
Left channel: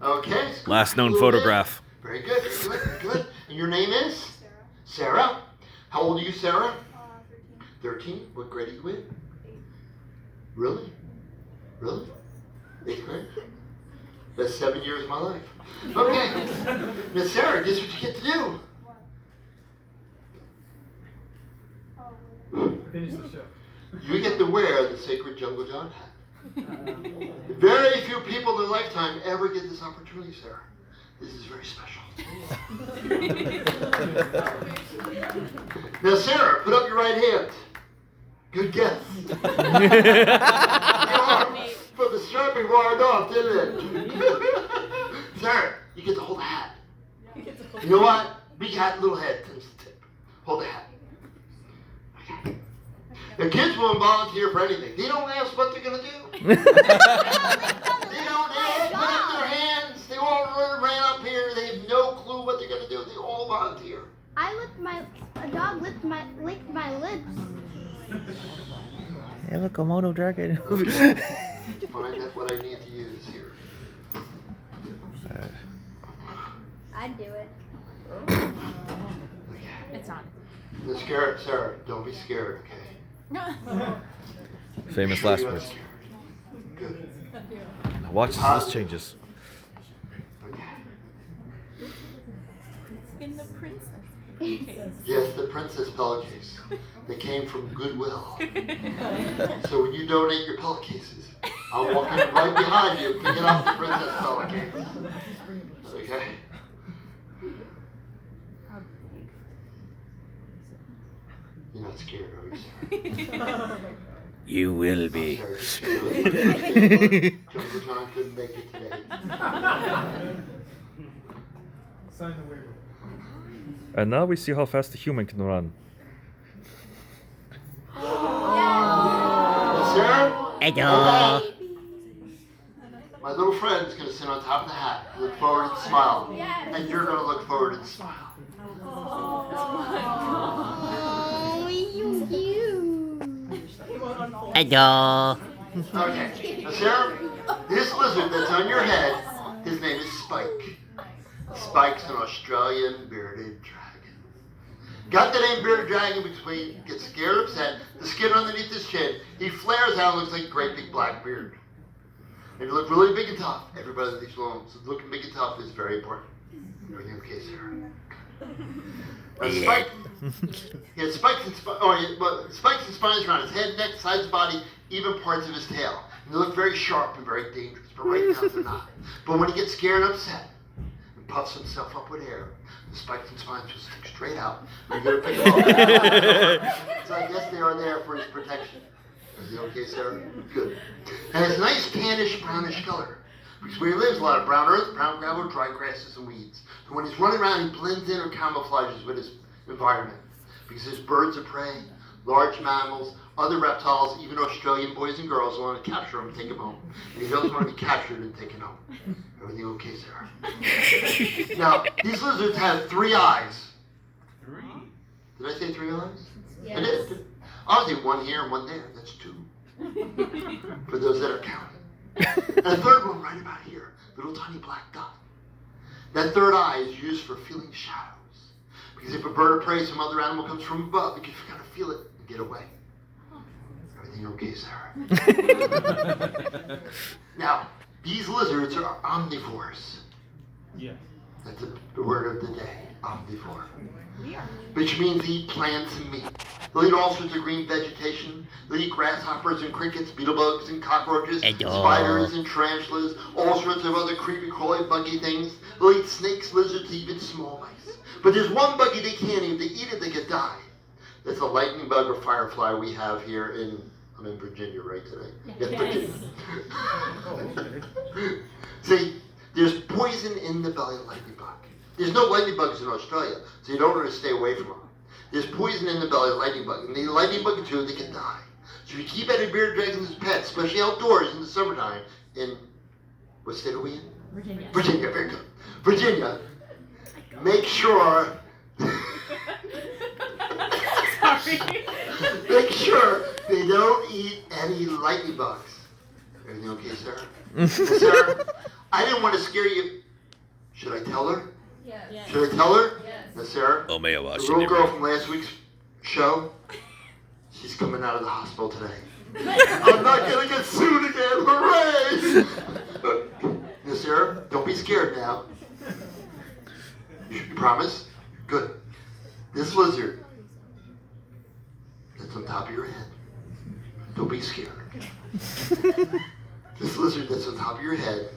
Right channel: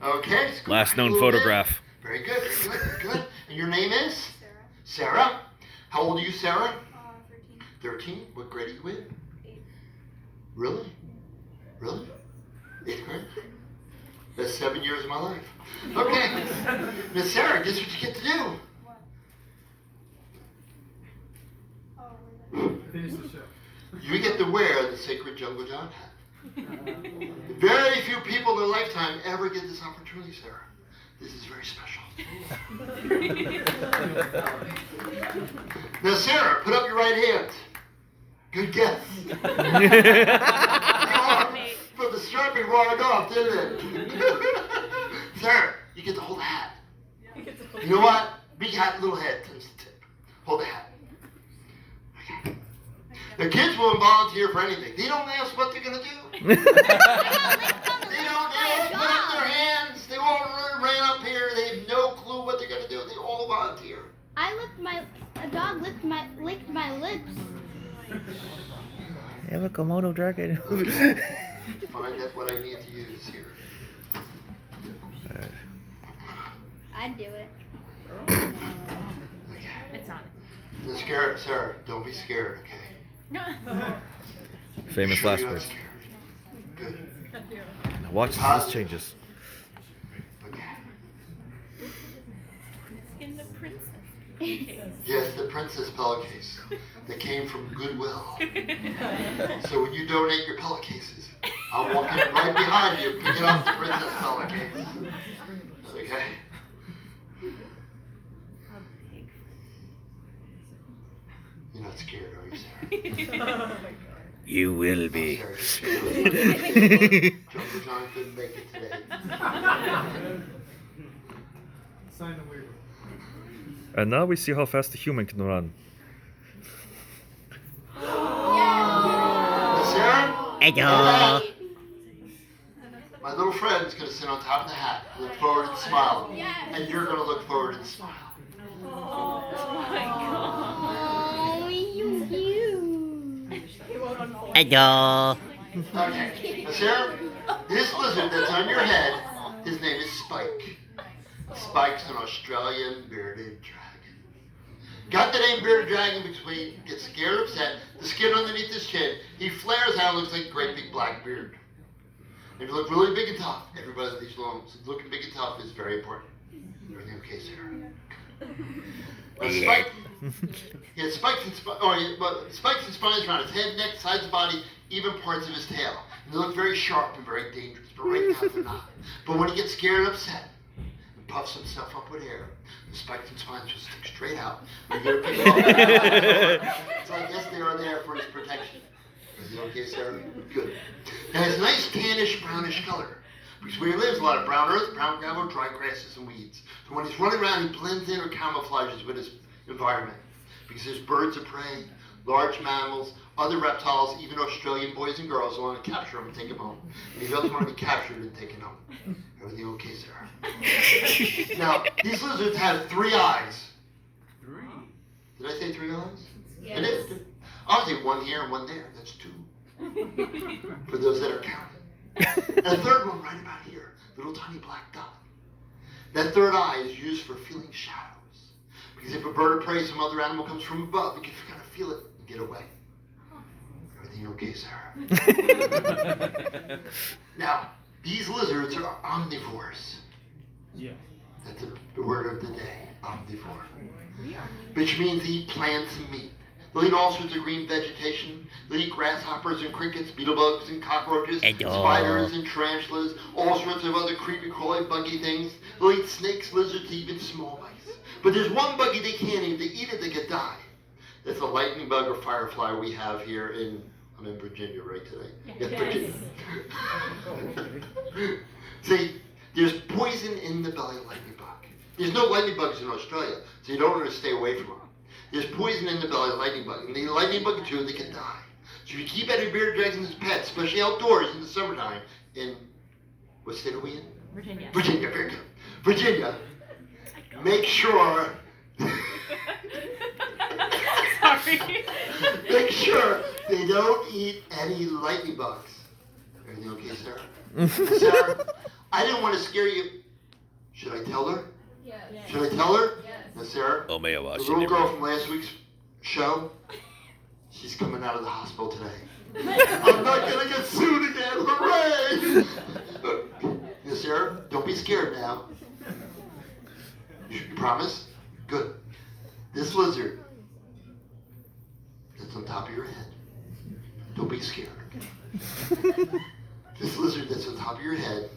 Okay. scoot Last back known a little bit. photograph. Very good. Good. Good. And your name is? Sarah. How old are you, Sarah? 13. What grade are you in? 8. Really? Really? 8th grade? Best 7 years of my life. Okay. Now, Sarah, guess what you get to do? Finish the show. You get to wear the Sacred Jungle John hat. Very few people in their lifetime ever get this opportunity, Sarah. This is very special. Now, Sarah, put up your right hand. Good guess. But the strapping wired off, didn't it? Sarah, you get to hold the hat. You know what? Big hat, little head, times the tip. Hold the hat. Okay. The kids won't volunteer for anything. They don't ask what they're going to do. They don't put up their hands. They won't ran up here. They have no clue what they're going to do. They all volunteer. A dog licked my lips. I have a Komodo dragon. Find out what I need to use here. I'd do it. It's on. Now, Sarah, don't be scared, okay? Famous Sure last you're not words. scared. Good. Now watch as this changes. Okay. In the princess. Yes, the princess pillowcase that came from Goodwill. So when you donate your pillowcases, I'll walk in right behind you picking up the princess pillowcase. Okay? You're not scared, are you, Sarah? You will be. Jungle John couldn't make it today. Sign the waiver. And now we see how fast a human can run. Now, Sarah? Hello. My little friend is going to sit on top of the hat, look forward and smile. And you're going to look forward and smile. Oh, you. Hello. Okay. Now, Sarah, this lizard that's on your head, his name is Spike. Spike's an Australian bearded dragon. Got the name bearded dragon because when he gets scared or upset, the skin underneath his chin, he flares out and looks like a great big black beard. And you look really big and tough. Everybody thinks looking big and tough is very important. Everything okay, Sarah? Spike, he has spikes and spines around his head, neck, sides of the body, even parts of his tail. And they look very sharp and very dangerous, but right now they're not. But when he gets scared and upset, and puffs himself up with air, the spikes and spines just stick straight out. And you're gonna pick them up. So I guess they are there for his protection. Is he okay, sir? Good. And it's a nice tannish, brownish color. Because where he lives, a lot of brown earth, brown gravel, dry grasses, and weeds. So when he's running around, he blends in or camouflages with his environment. Because there's birds of prey, large mammals, other reptiles, even Australian boys and girls who want to capture him and take him home. And he doesn't want to be captured and taken home. Everything okay, Sarah? Now, these lizards have 3 eyes. 3. Did I say 3 eyes? Yes. I did. Obviously, 1 here and 1 there. That's 2. For those that are counting. And a third one right about here, little tiny black dot. That third eye is used for feeling shadows. Because if a bird of prey, some other animal comes from above, you can kind of feel it and get away. Everything okay, Sarah? Now, these lizards are omnivores. Yeah. That's the word of the day, omnivore. Which means they eat plants and meat. They'll eat all sorts of green vegetation. They'll eat grasshoppers and crickets, beetlebugs and cockroaches, spiders and tarantulas, all sorts of other creepy, crawly, buggy things. They'll eat snakes, lizards, even small mice. But there's one buggy they can't eat. If they eat it, they could die. That's a lightning bug or firefly we have here in, I'm in Virginia right today. Yeah, Virginia. See, there's poison in the belly of lightning bug. There's no lightning bugs in Australia, so you don't want to stay away from them. There's poison in the belly of the lightning bug, and the lightning bug too, they can die. So if you keep any bearded dragons as pets, especially outdoors in the summertime, in, what state are we in? Virginia. Virginia, very good. Virginia, make sure, Sorry. make sure they don't eat any lightning bugs. Everything okay, Sarah? Sarah, I didn't want to scare you. Should I tell her? Yes. Should I tell her? Yes. Now, Sarah, Oh, may I the watch little it? girl from last week's show, she's coming out of the hospital today. I'm not gonna get sued again, hooray! Now, Sarah, don't be scared now. You promise? Good. This lizard that's on top of your head, don't be scared. This lizard that's on top of your head,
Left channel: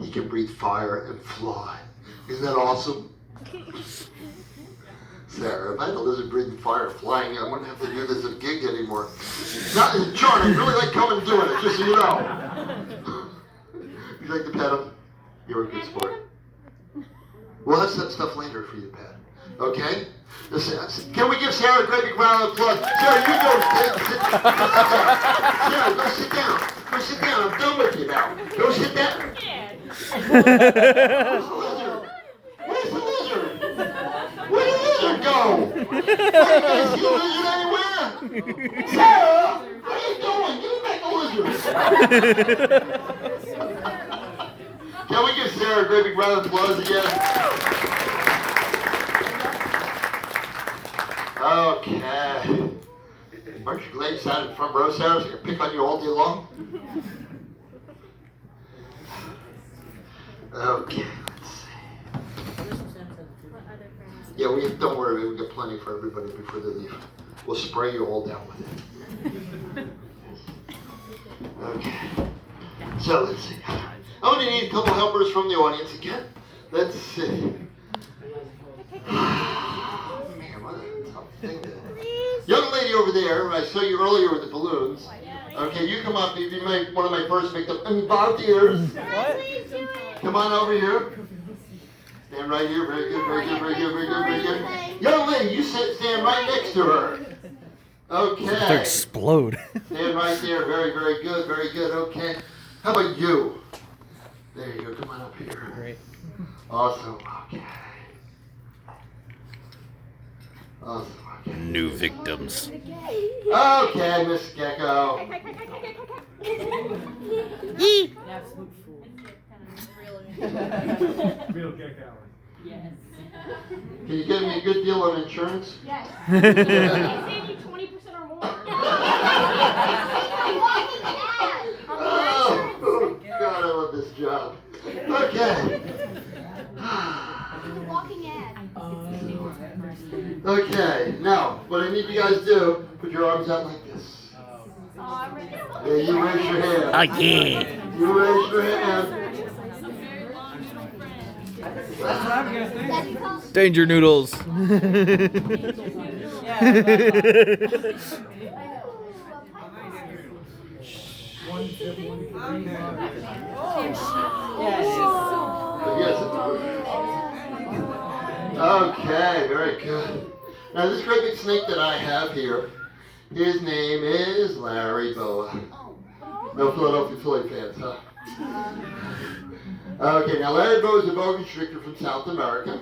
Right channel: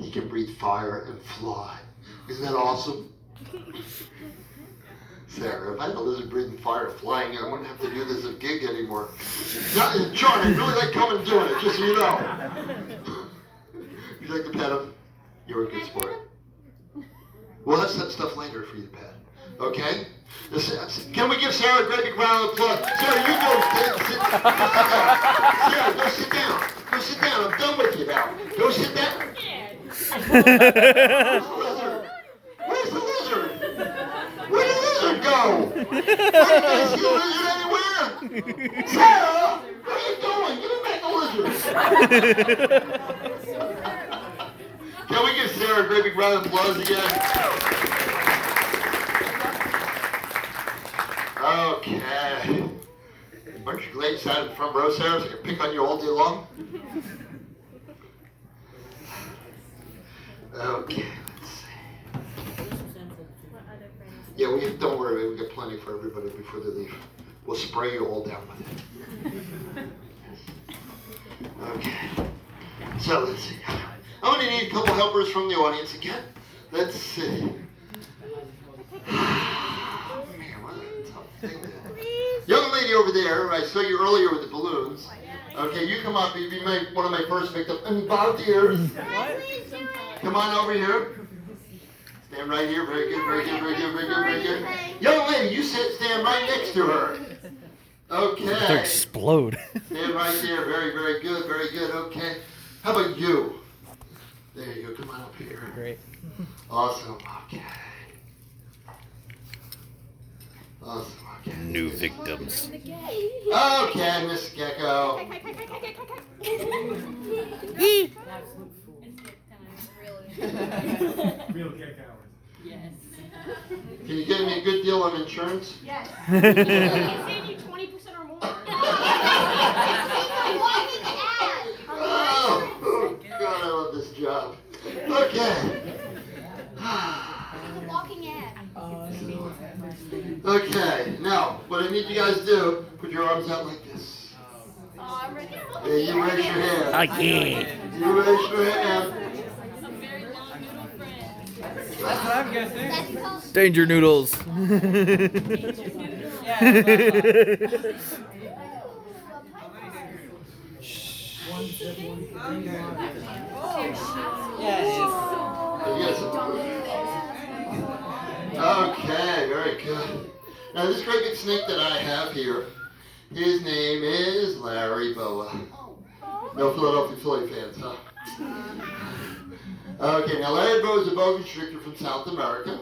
he can breathe fire and fly. Isn't that awesome? Sarah, if I had a lizard breathing fire flying, I wouldn't have to do this as a gig anymore. Not, John, I really like coming and doing it, just so you know. You like to pet him? You're a good sport. We'll have some stuff later for you to pet. Okay? Can we give Sarah a great big round of applause? Sarah, you go sit down. Sarah, go sit down. Go sit down. I'm done with you now. Go sit down. Where's the lizard? Where's the lizard? Where did the lizard go? I didn't see the lizard anywhere. Sarah, what are you doing? Give me back the lizard. Can we give Sarah a great big round of applause again? Okay. Aren't you glad you sat in the front row, Sarah, so I can pick on you all day long? Okay, let's see. Yeah, don't worry, we got plenty for everybody before they leave. We'll spray you all down with it. Okay. So let's see. I'm gonna need a couple helpers from the audience again. Let's see. Man, what a tough thing to do. Young lady over there, I saw you earlier with the balloons. Okay, you come up, you make one of my first makeup volunteers. Come on over here. Stand right here. Very good, very good, very good, very good, very good. Young lady, you stand right next to her. Okay. They'll explode. Stand right there. Very, very good, very good. Okay. How about you? There you go. Come on up here. Great. Awesome. Okay. Awesome. Okay. New victims. Okay, Miss Gecko. Real kick out. Yes. Can you give me a good deal on insurance? Yes. Can I save you 20% or more? Oh, God, I love this job. Okay. It's a walking ad. Okay, now, what I need you guys to do, put your arms out like this. Yeah, you raise your hand. Again. You raise your hand. That's what I'm guessing. Danger noodles. Okay, very good. Now this great big snake that I have here, his name is Larry Boa. No Philadelphia Philly fans, huh? Okay, now Larry Boa is a boa constrictor from South America.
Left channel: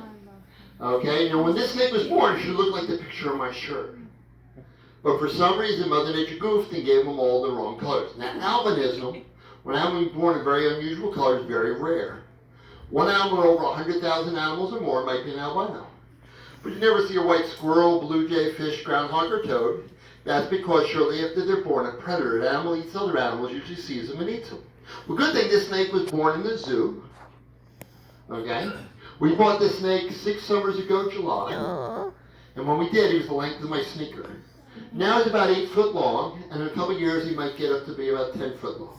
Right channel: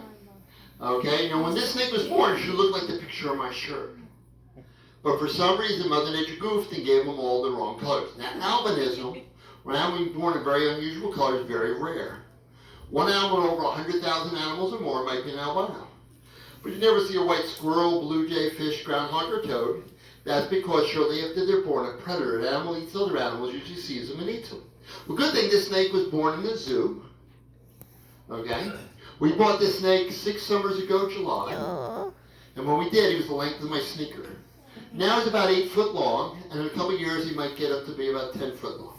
Okay, you know when this snake was born, it should look like the picture on my shirt. But for some reason, Mother Nature goofed and gave them all the wrong colors. Now albinism, when animals are born in very unusual colors, is very rare. One animal with over 100,000 animals or more might be an albino. But you never see a white squirrel, blue jay, fish, groundhog, or toad. That's because shortly after they're born, a predator, an animal eats other animals, usually sees them and eats them. Well, good thing this snake was born in the zoo. Okay? We bought this snake 6 summers ago, July. And when we did, he was the length of my sneaker. Now he's about 8 foot long, and in a couple of years he might get up to be about 10 foot long.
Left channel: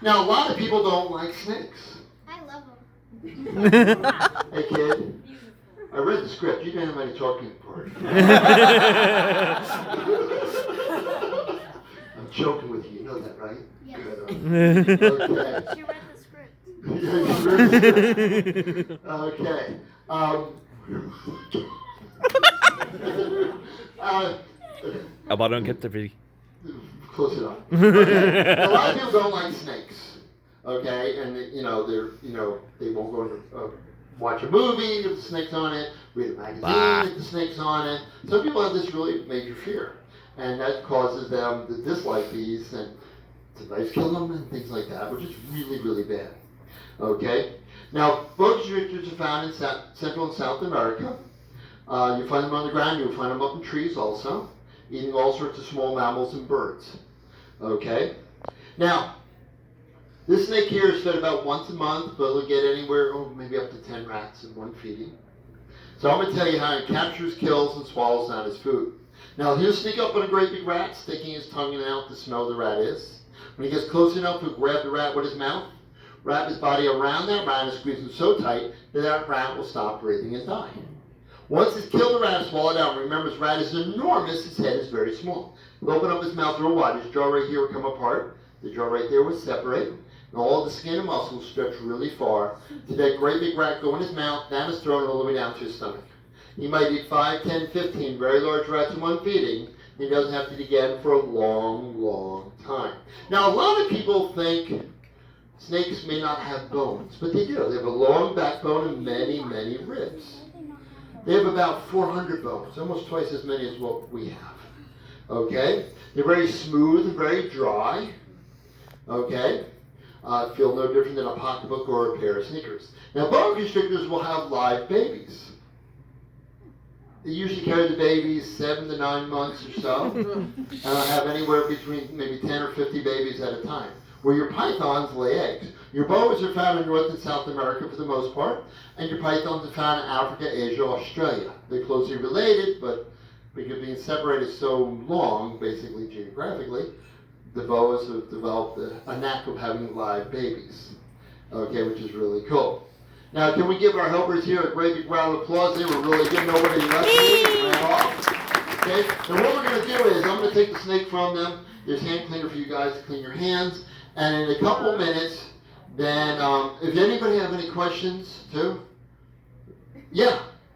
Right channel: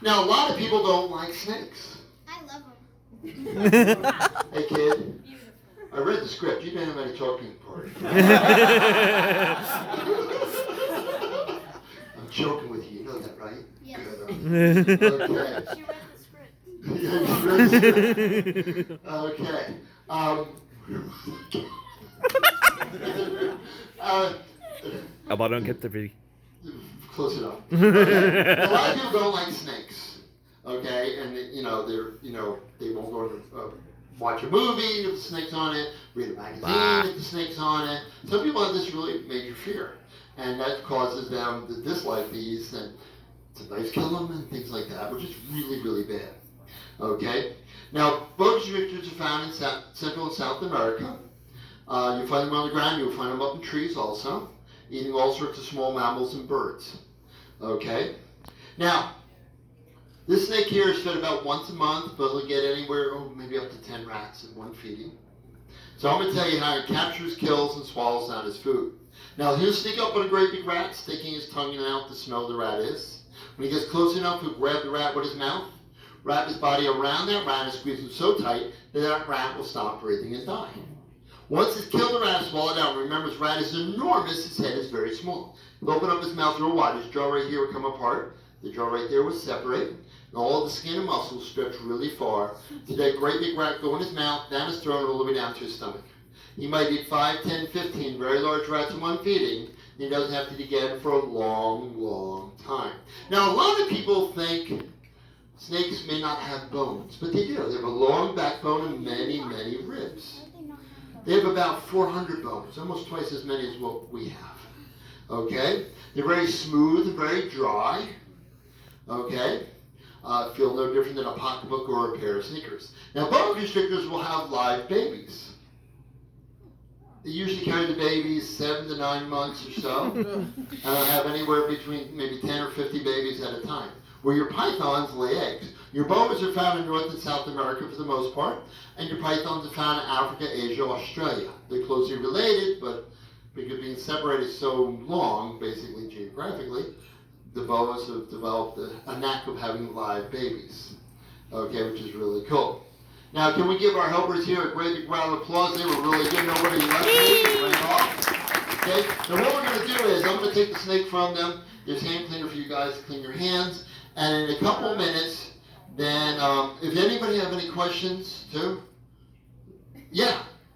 Now, a lot of people don't like snakes. I love them. Hey kid, I read the script. You didn't have any talking part. I'm joking with you. You know that, right? Yes. Good. Okay. She read the script. Yeah, you read the script. Okay. Abaron Close enough. A lot of people don't like snakes. Okay, and they won't go to watch a movie with the snakes on it, read a magazine with the snakes on it. Some people have this really major fear, and that causes them to dislike these, and sometimes kill them and things like that, which is really, really bad. Okay, now boa constrictors are found in Central and South America. You find them on the ground. You'll find them up in trees also, eating all sorts of small mammals and birds. Okay, now. This snake here is fed about once a month, but it'll get anywhere, maybe up to 10 rats in one feeding. So I'm going to tell you how he captures, kills, and swallows down his food. Now he'll sneak up on a great big rat, sticking his tongue in and out to smell the rat is. When he gets close enough, he'll grab the rat with his mouth, wrap his body around that rat and squeeze him so tight that that rat will stop breathing and die. Once he's killed the rat and swallowed it out, remember his rat is enormous, his head is very small. He'll open up his mouth real wide, his jaw right here will come apart, the jaw right there will separate. And all the skin and muscles stretch really far to that great big rat go in his mouth, down his throat, all the way down to his stomach. He might eat 5, 10, 15 very large rats in one feeding. He doesn't have to eat again for a long, long time. Now, a lot of people think snakes may not have bones, but they do. They have a long backbone and many, many ribs. They have about 400 bones, almost twice as many as what we have. Okay? They're very smooth and very dry. Okay? Feel no different than a pocketbook or a pair of sneakers. Now, boa constrictors will have live babies. They usually carry the babies 7 to 9 months or so, and they'll have anywhere between maybe 10 or 50 babies at a time. Where your pythons lay eggs. Your boas are found in North and South America for the most part, and your pythons are found in Africa, Asia, Australia. They're closely related, but because being separated so long, basically geographically, the boas have developed a knack of having live babies, okay, which is really cool. Now, can we give our helpers here a great big round of applause? They were really good. Nobody left me. Ran off. Okay. Now, what we're going to do is I'm going to take the snake from them. There's hand cleaner for you guys to clean your hands. And in a couple of minutes, then if anybody have any questions too, yeah.